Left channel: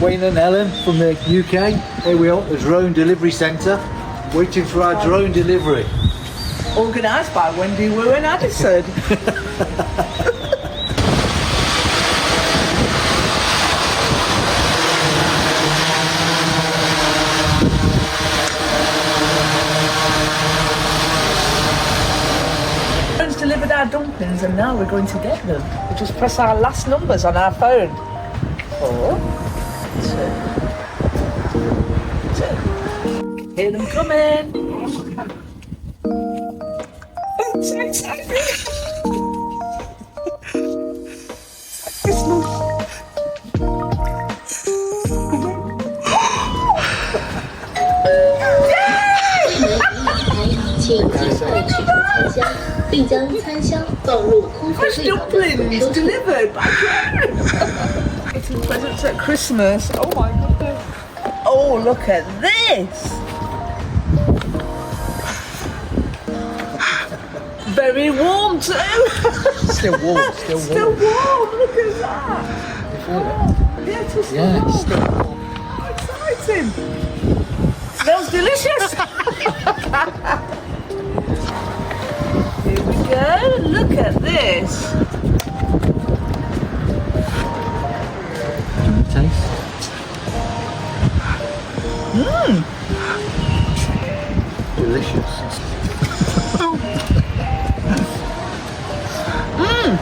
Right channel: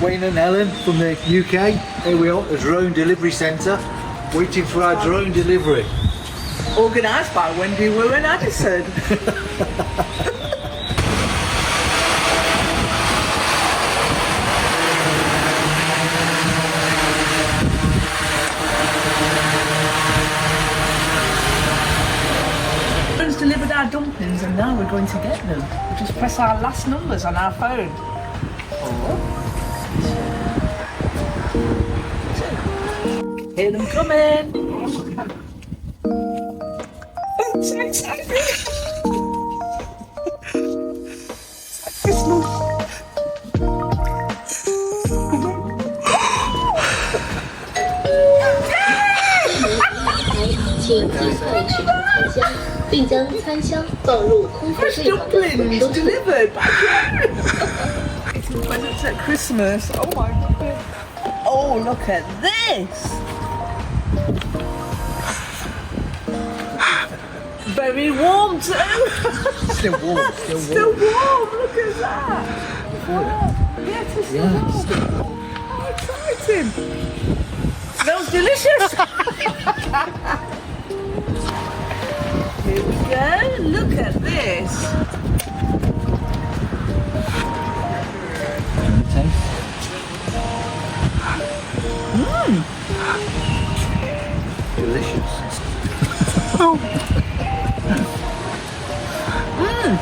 Wayne and Helen from the UK. Here we are at the drone delivery centre, waiting for our drone delivery. Organised by Wendy Wu and Addison. Friends delivered our dumplings and now we're going to get them. We'll just press our last numbers on our phone. 4, 2, 2. Hear them coming. I'm so excited. It's like Christmas. Dumplings delivered by Getting presents at Christmas. Oh my goodness. Oh, look at this. Very warm too. Still warm, Still warm. Look at that. Oh, yeah, it is still warm. still How exciting. Smells delicious. Here we go. Look at this. taste. Mmm. Delicious. Mmm.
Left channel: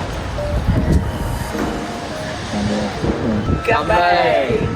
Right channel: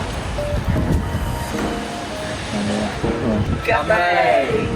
Gummy.